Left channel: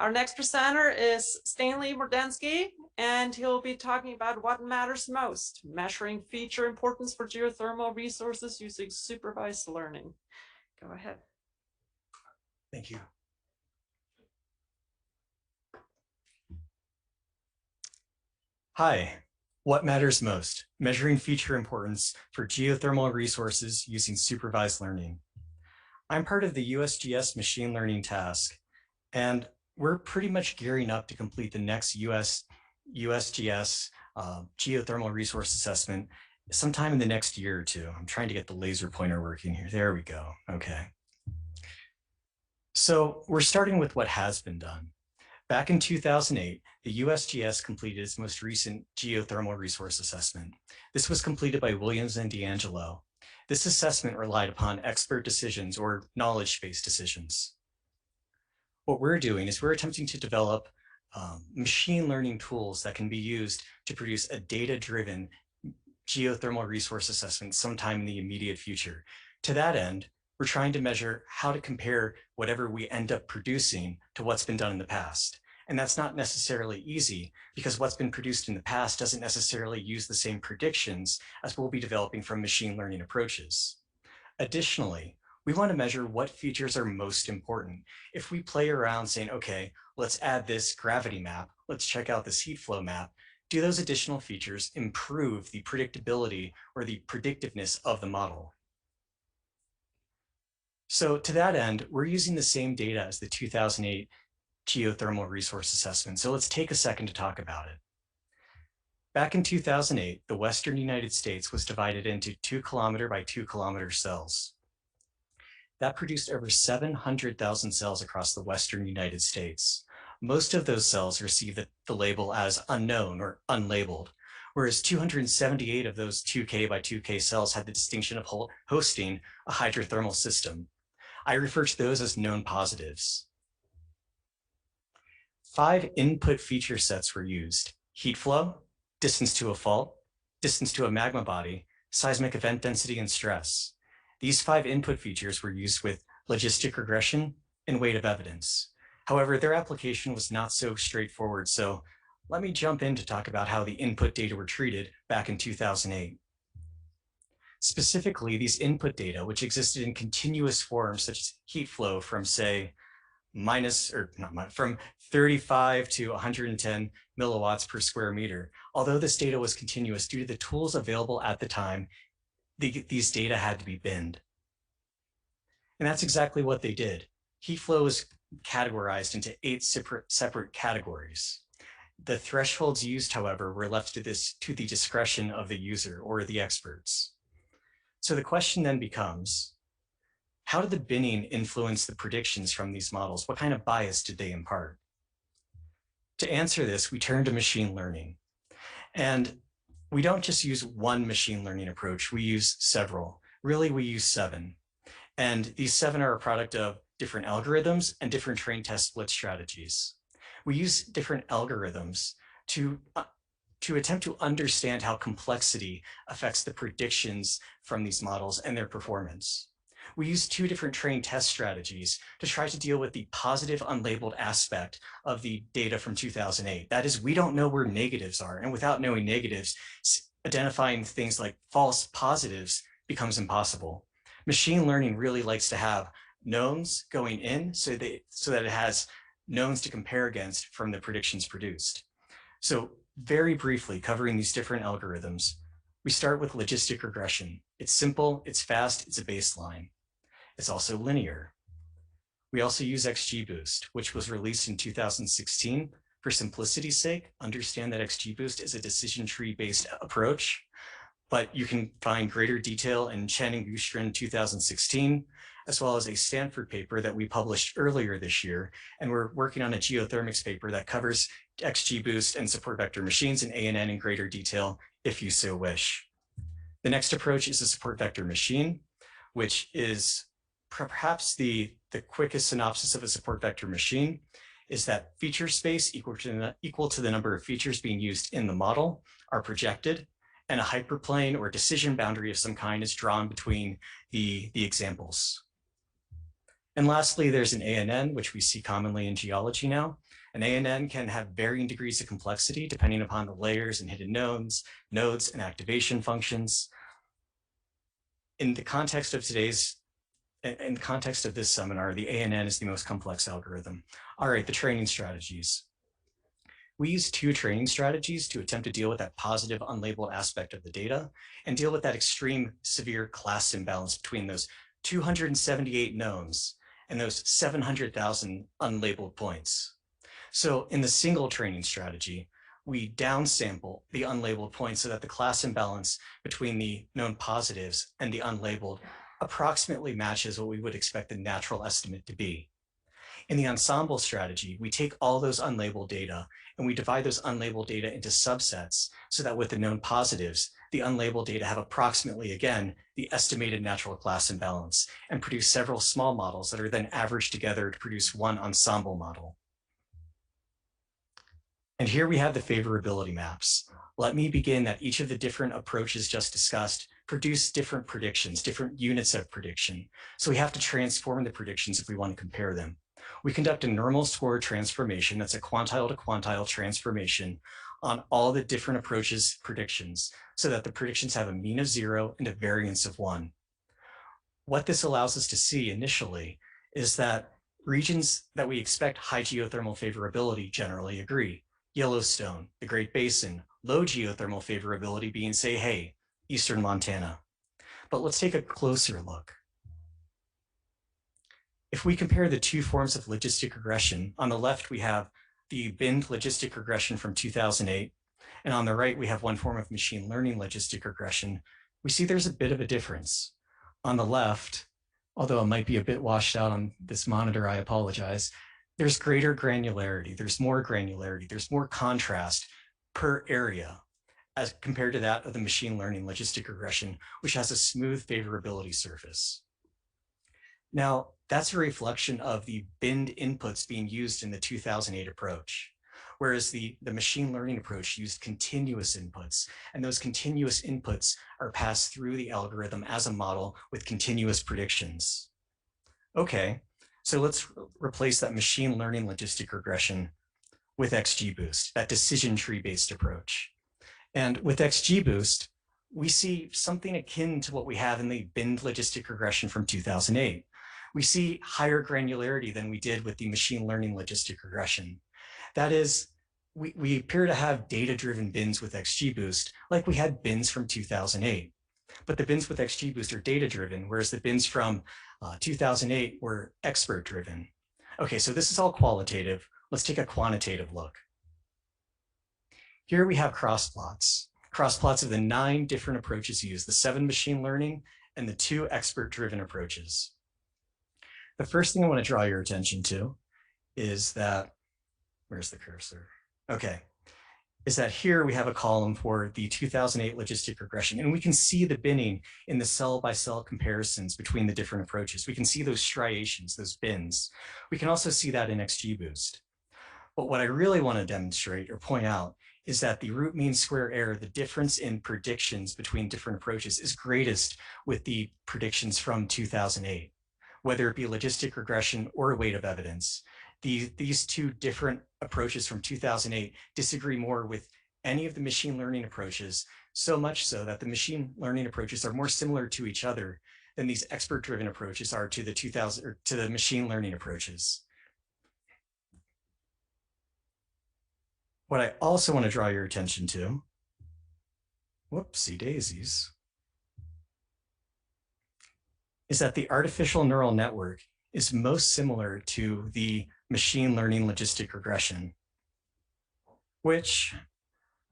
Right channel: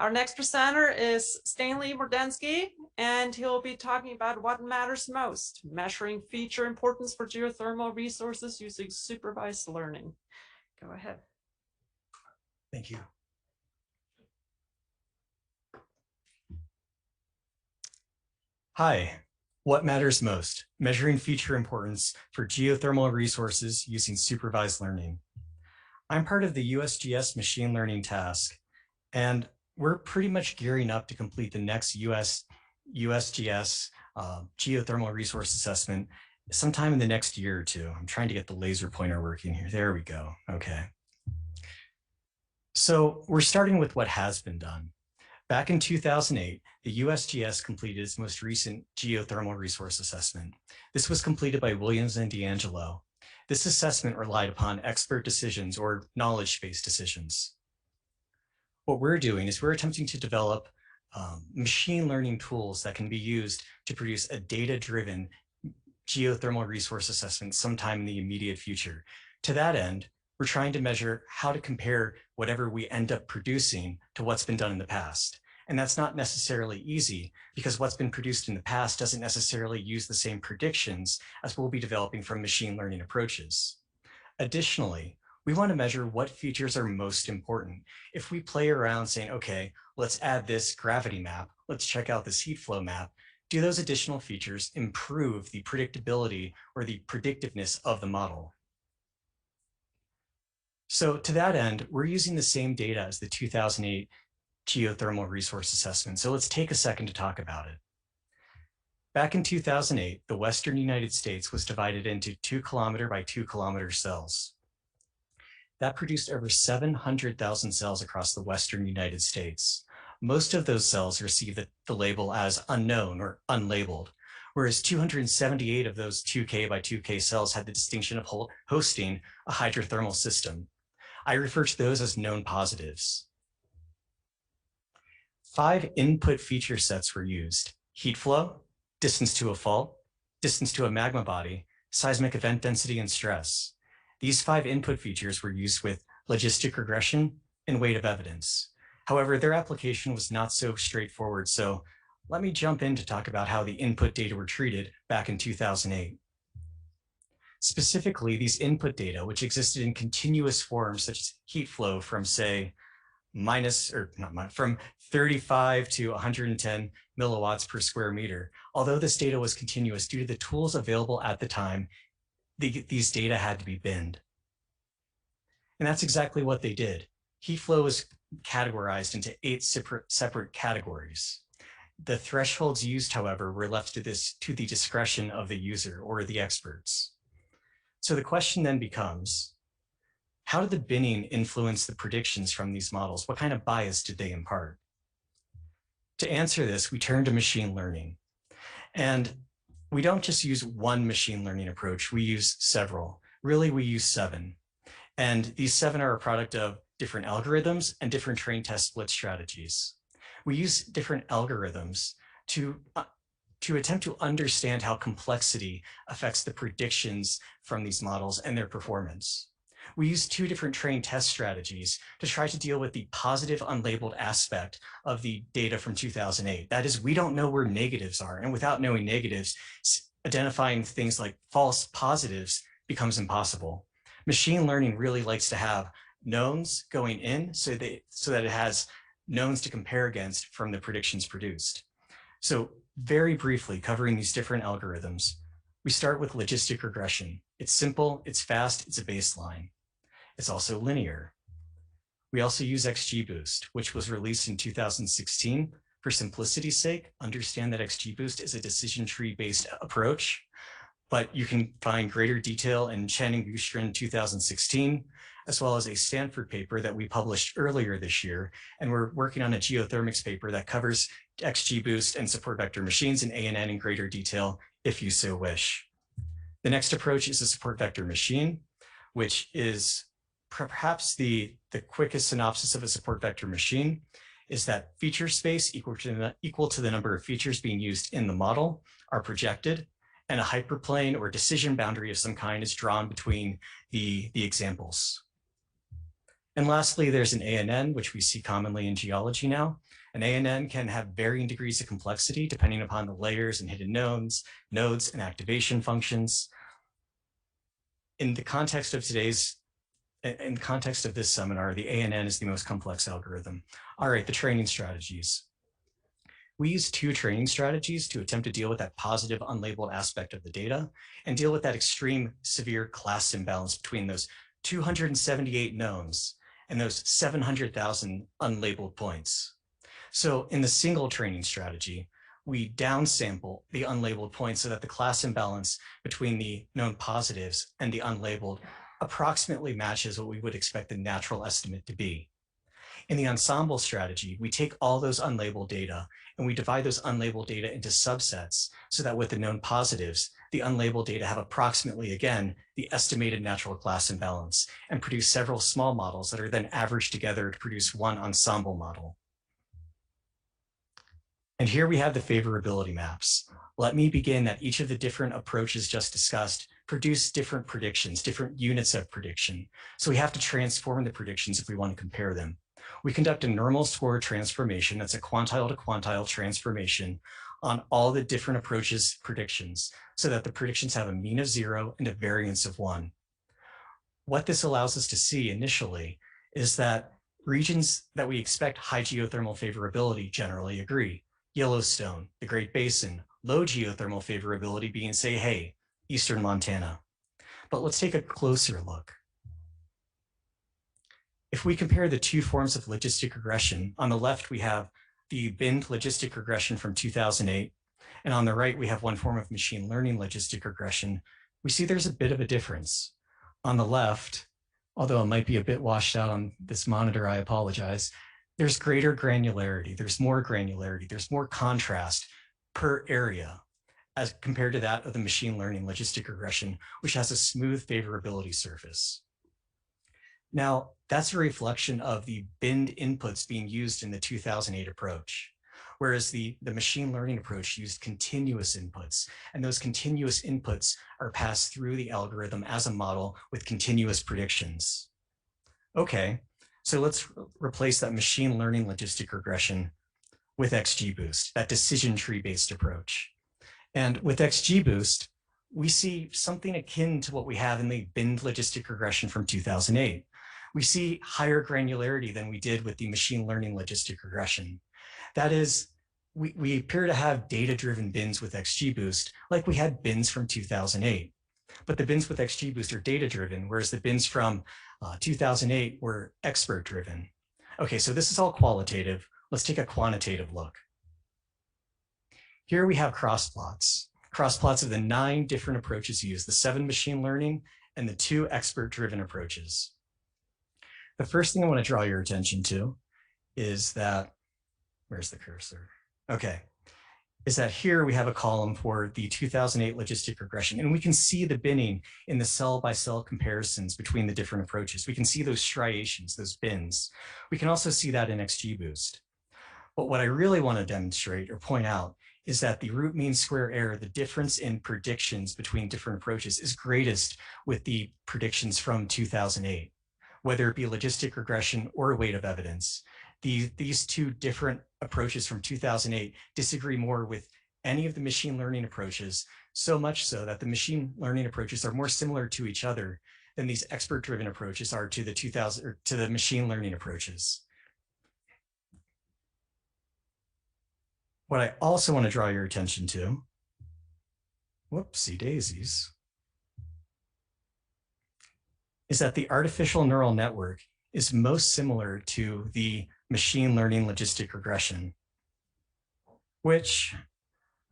Our next presenter is Stanley Mordensky, and he'll be talking about what matters most, measuring feature importance for geothermal resources using supervised learning. Go ahead. Thank you. Hi, what matters most, measuring feature importance for geothermal resources using supervised learning. I'm part of the USGS machine learning task, and we're pretty much gearing up to complete the next USGS geothermal resource assessment sometime in the next year or two. I'm trying to get the laser pointer working here. There we go. Okay. So we're starting with what has been done. Back in 2008, the USGS completed its most recent geothermal resource assessment. This was completed by Williams and D'Angelo. This assessment relied upon expert decisions or knowledge-based decisions. What we're doing is we're attempting to develop machine learning tools that can be used to produce a data-driven geothermal resource assessment sometime in the immediate future. To that end, we're trying to measure how to compare whatever we end up producing to what's been done in the past. And that's not necessarily easy because what's been produced in the past doesn't necessarily use the same predictions as we'll be developing from machine learning approaches. Additionally, we want to measure what features are most important. If we play around saying, okay, let's add this gravity map, let's check out this heat flow map, do those additional features improve the predictability or the predictiveness of the model? So to that end, we're using the same data as the 2008 geothermal resource assessment. So let's take a second to talk about it. Back in 2008, the Western United States was divided into 2 kilometer by 2 kilometer cells. That produced over 700,000 cells across the Western United States. Most of those cells received the label as unknown or unlabeled, whereas 278 of those 2K by 2K cells had the distinction of hosting a hydrothermal system. I refer to those as known positives. 5 input feature sets were used: heat flow, distance to a fault, distance to a magma body, seismic event density, and stress. These 5 input features were used with logistic regression and weight of evidence. However, their application was not so straightforward, so let me jump in to talk about how the input data were treated back in 2008. Specifically, these input data, which existed in continuous forms such as heat flow from, say, from 35 to 110 milliwatts per square meter. Although this data was continuous, due to the tools available at the time, these data had to be binned. And that's exactly what they did. Heat flow was categorized into 8 separate categories. The thresholds used, however, were left to the discretion of the user or the experts. So the question then becomes, how did the binning influence the predictions from these models? What kind of bias did they impart? To answer this, we turn to machine learning. And we don't just use one machine learning approach, we use several. Really, we use 7. And these 7 are a product of different algorithms and different train test split strategies. We use different algorithms to attempt to understand how complexity affects the predictions from these models and their performance. We use 2 different train test strategies to try to deal with the positive unlabeled aspect of the data from 2008. That is, we don't know where negatives are, and without knowing negatives, identifying things like false positives becomes impossible. Machine learning really likes to have knowns going in so that it has knowns to compare against from the predictions produced. So very briefly, covering these different algorithms, we start with logistic regression. It's simple, it's fast, it's a baseline. It's also linear. We also use XGBoost, which was released in 2016. For simplicity's sake, understand that XGBoost is a decision tree-based approach, but you can find greater detail in Chen and Gustrin 2016, as well as a Stanford paper that we published earlier this year. And we're working on a geothermics paper that covers XGBoost and support vector machines in ANN in greater detail, if you so wish. The next approach is a support vector machine, which is perhaps the quickest synopsis of a support vector machine, is that feature space equal to the number of features being used in the model are projected, and a hyperplane or decision boundary of some kind is drawn between the examples. And lastly, there's an ANN, which we see commonly in geology now. An ANN can have varying degrees of complexity depending upon the layers and hidden nodes, and activation functions. In the context of this seminar, the ANN is the most complex algorithm. All right, the training strategies. We use two training strategies to attempt to deal with that positive unlabeled aspect of the data and deal with that extreme severe class imbalance between those 278 knowns and those 700,000 unlabeled points. So in the single training strategy, we downsample the unlabeled points so that the class imbalance between the known positives and the unlabeled approximately matches what we would expect the natural estimate to be. In the ensemble strategy, we take all those unlabeled data and we divide those unlabeled data into subsets so that with the known positives, the unlabeled data have approximately, again, the estimated natural class imbalance and produce several small models that are then averaged together to produce one ensemble model. And here we have the favorability maps. Let me begin that each of the different approaches just discussed produce different predictions, different units of prediction. So we have to transform the predictions if we want to compare them. We conduct a normal score transformation, that's a quantile to quantile transformation on all the different approaches' predictions so that the predictions have a mean of 0 and a variance of 1. What this allows us to see initially is that regions that we expect high geothermal favorability generally agree. Yellowstone, the Great Basin, low geothermal favorability being, say, hey, Eastern Montana. But let's take a closer look. If we compare the two forms of logistic regression, on the left, we have the binned logistic regression from 2008, and on the right, we have one form of machine learning logistic regression. We see there's a bit of a difference. On the left, although it might be a bit washed out on this monitor, I apologize, there's greater granularity, there's more contrast per area as compared to that of the machine learning logistic regression, which has a smooth favorability surface. Now, that's a reflection of the binned inputs being used in the 2008 approach, whereas the machine learning approach used continuous inputs, and those continuous inputs are passed through the algorithm as a model with continuous predictions. Okay, so let's replace that machine learning logistic regression with XGBoost, that decision tree-based approach. And with XGBoost, we see something akin to what we have in the binned logistic regression from 2008. We see higher granularity than we did with the machine learning logistic regression. That is, we appear to have data-driven bins with XGBoost like we had bins from 2008. But the bins with XGBoost are data-driven, whereas the bins from 2008 were expert-driven. Okay, so this is all qualitative. Let's take a quantitative look. Here we have crossplots of the 9 different approaches used, the 7 machine learning and the 2 expert-driven approaches. The first thing I want to draw your attention to is that, where's the cursor? Okay, is that here we have a column for the 2008 logistic regression, and we can see the binning in the cell-by-cell comparisons between the different approaches. We can see those striations, those bins. We can also see that in XGBoost. But what I really want to demonstrate or point out is that the root mean square error, the difference in predictions between different approaches, is greatest with the predictions from 2008. Whether it be logistic regression or weight of evidence, these 2 different approaches from 2008 disagree more with any of the machine learning approaches, so much so that the machine learning approaches are more similar to each other than these expert-driven approaches are to the machine learning approaches. What I also want to draw your attention to, whoopsie daisies, is that the artificial neural network is most similar to the machine learning logistic regression, which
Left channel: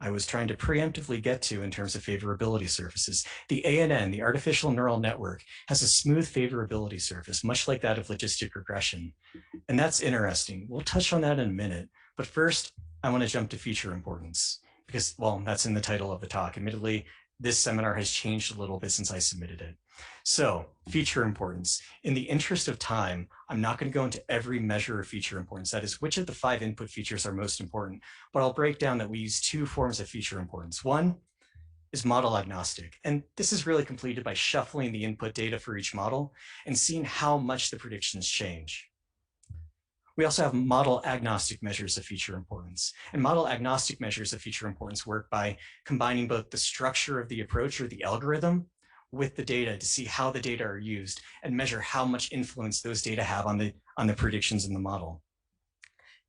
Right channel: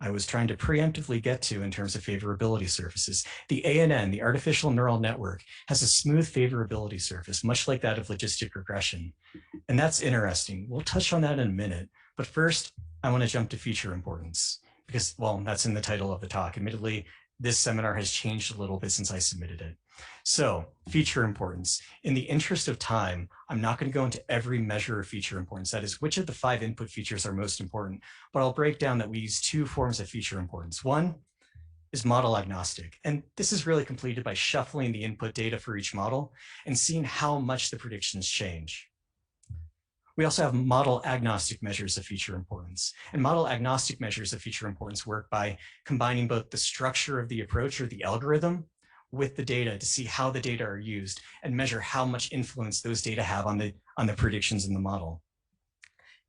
I was trying to preemptively get to in terms of favorability surfaces. The ANN, the artificial neural network, has a smooth favorability surface, much like that of logistic regression. And that's interesting. We'll touch on that in a minute. But first, I want to jump to feature importance because, well, that's in the title of the talk. Admittedly, this seminar has changed a little bit since I submitted it. So, feature importance. In the interest of time, I'm not going to go into every measure of feature importance. That is, which of the 5 input features are most important. But I'll break down that we use 2 forms of feature importance. One is model agnostic. And this is really completed by shuffling the input data for each model and seeing how much the predictions change. We also have model agnostic measures of feature importance. And model agnostic measures of feature importance work by combining both the structure of the approach or the algorithm with the data to see how the data are used and measure how much influence those data have on the predictions in the model.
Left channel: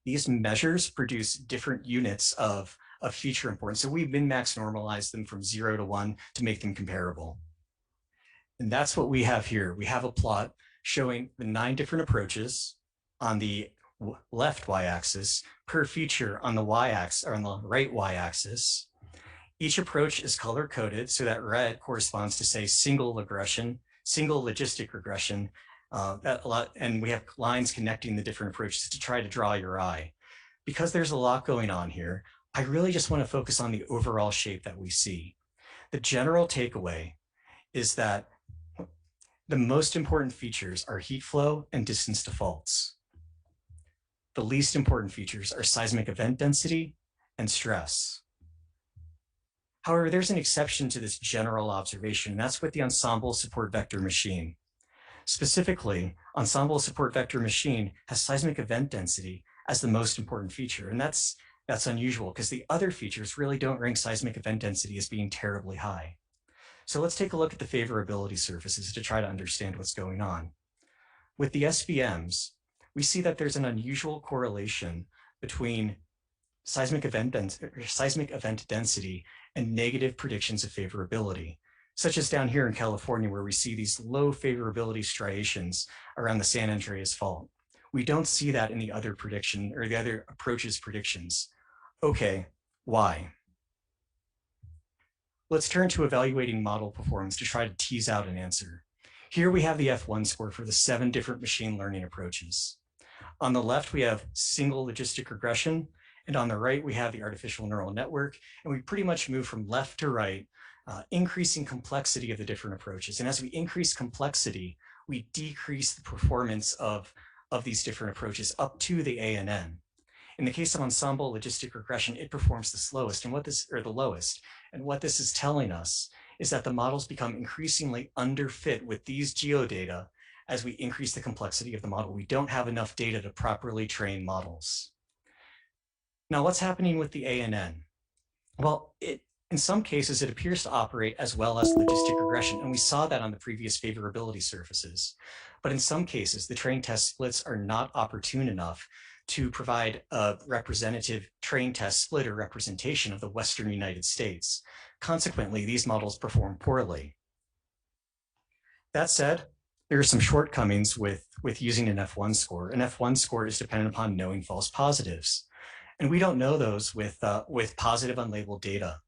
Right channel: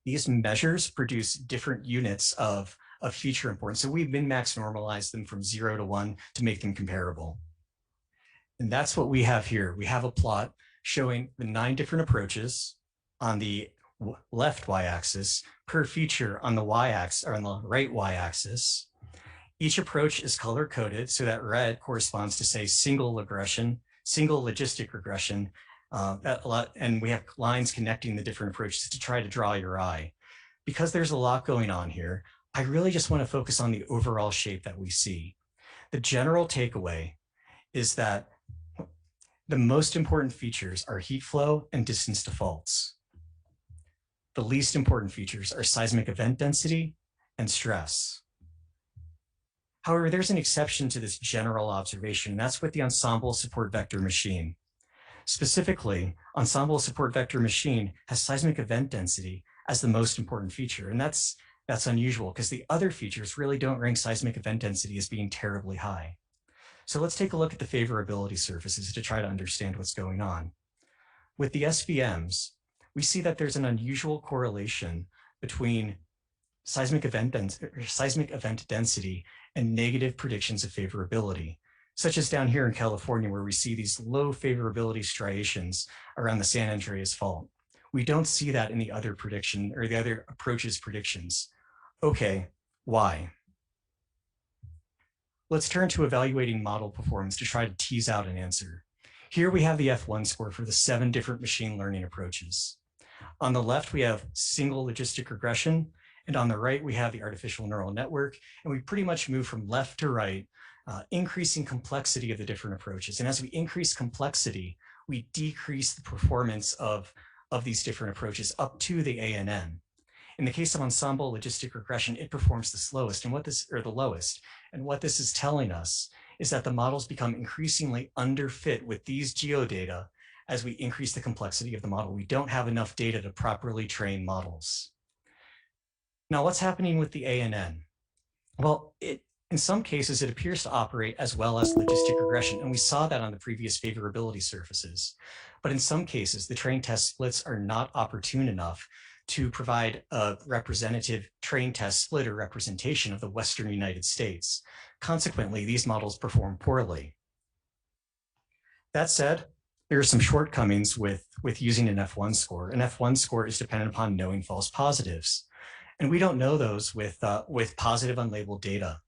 These measures produce different units of feature importance. So we've min-max normalized them from 0 to 1 to make them comparable. And that's what we have here. We have a plot showing the 9 different approaches on the left y-axis per feature on the y-axis or on the right y-axis. Each approach is color-coded, so that red corresponds to, say, single logistic regression, and we have lines connecting the different approaches to try to draw your eye. Because there's a lot going on here, I really just want to focus on the overall shape that we see. The general takeaway is that the most important features are heat flow and distance to faults. The least important features are seismic event density and stress. However, there's an exception to this general observation, and that's with the ensemble support vector machine. Specifically, ensemble support vector machine has seismic event density as the most important feature, and that's unusual because the other features really don't rank seismic event density as being terribly high. So let's take a look at the favorability surfaces to try to understand what's going on. With the SVMs, we see that there's an unusual correlation between seismic event density and negative predictions of favorability, such as down here in California, where we see these low favorability striations around the San Andreas Fault. We don't see that in the other prediction or the other approaches predictions. Okay, why? Let's turn to evaluating model performance to try to tease out an answer. Here we have the F1 score for the 7 different machine learning approaches. On the left, we have single logistic regression, and on the right, we have the artificial neural network, and we pretty much move from left to right, increasing complexity of the different approaches. And as we increase complexity, we decrease the performance of these different approaches up to the ANN. In the case of ensemble logistic regression, it performs the slowest and the lowest. And what this is telling us is that the models become increasingly underfit with these geodata as we increase the complexity of the model. We don't have enough data to properly train models. Now, what's happening with the ANN? Well, in some cases, it appears to operate as well as logistic regression, and we saw that on the previous favorability surfaces. But in some cases, the train test splits are not opportune enough to provide a representative train test split or representation of the Western United States. Consequently, these models perform poorly. That said, there are some shortcomings with using an F1 score. An F1 score is dependent upon knowing false positives, and we don't know those with positive unlabeled data.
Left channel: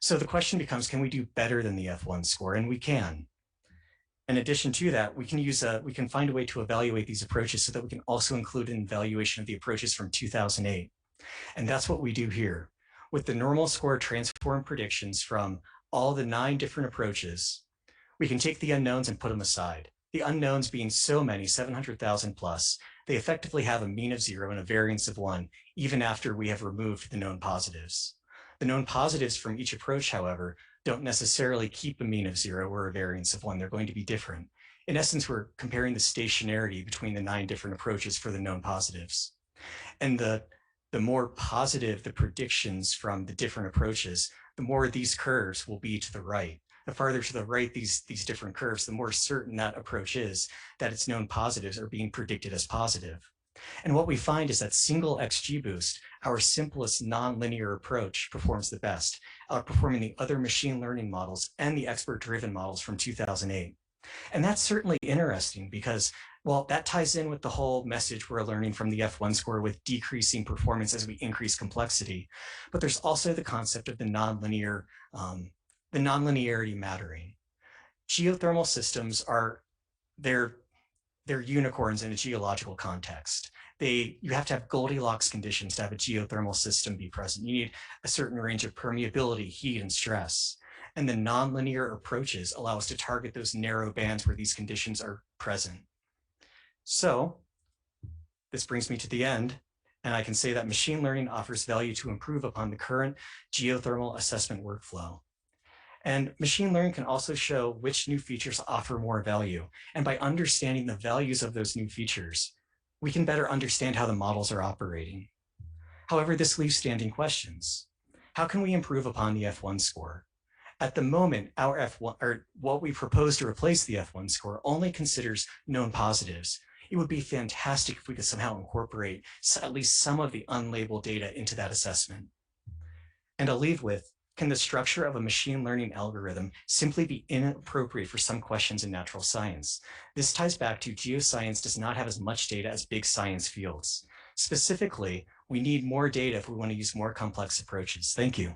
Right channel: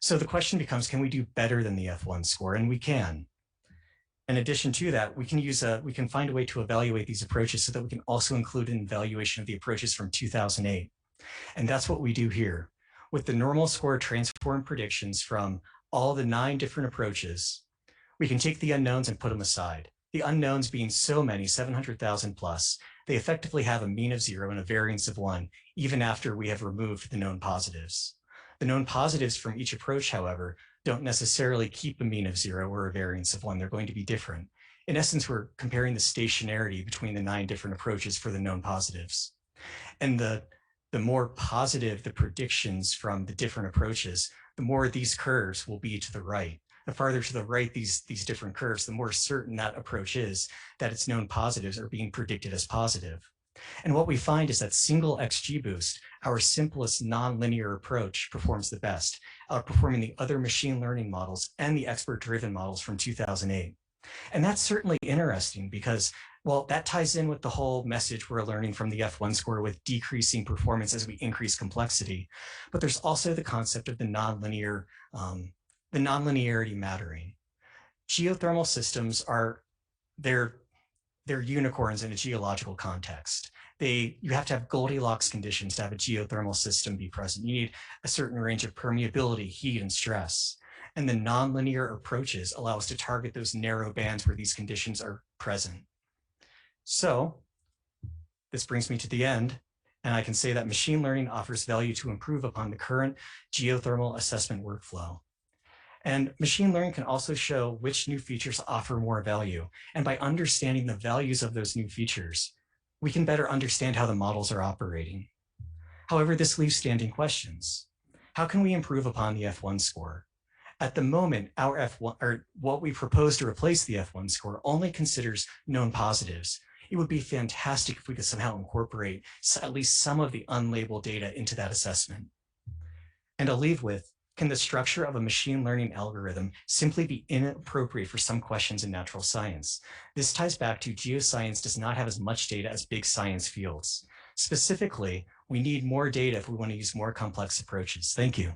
So the question becomes, can we do better than the F1 score? And we can. In addition to that, we can find a way to evaluate these approaches so that we can also include an evaluation of the approaches from 2008. And that's what we do here. With the normal score transform predictions from all the 9 different approaches, we can take the unknowns and put them aside. The unknowns being so many, 700,000 plus, they effectively have a mean of 0 and a variance of 1, even after we have removed the known positives. The known positives from each approach, however, don't necessarily keep a mean of 0 or a variance of 1. They're going to be different. In essence, we're comparing the stationarity between the 9 different approaches for the known positives. And the more positive the predictions from the different approaches, the more these curves will be to the right. The farther to the right these different curves, the more certain that approach is that its known positives are being predicted as positive. And what we find is that single XGBoost, our simplest nonlinear approach, performs the best, outperforming the other machine learning models and the expert-driven models from 2008. And that's certainly interesting because, well, that ties in with the whole message we're learning from the F1 score with decreasing performance as we increase complexity. But there's also the concept of the nonlinearity mattering. Geothermal systems they're unicorns in a geological context. You have to have Goldilocks conditions to have a geothermal system be present. You need a certain range of permeability, heat, and stress. And the nonlinear approaches allow us to target those narrow bands where these conditions are present. So this brings me to the end, and I can say that machine learning offers value to improve upon the current geothermal assessment workflow. And machine learning can also show which new features offer more value. And by understanding the values of those new features, we can better understand how the models are operating. However, this leaves standing questions. How can we improve upon the F1 score? At the moment, our F1, or what we propose to replace the F1 score, only considers known positives. It would be fantastic if we could somehow incorporate at least some of the unlabeled data into that assessment. And I'll leave with, can the structure of a machine learning algorithm simply be inappropriate for some questions in natural science? This ties back to geoscience does not have as much data as big science fields. Specifically, we need more data if we want to use more complex approaches. Thank you.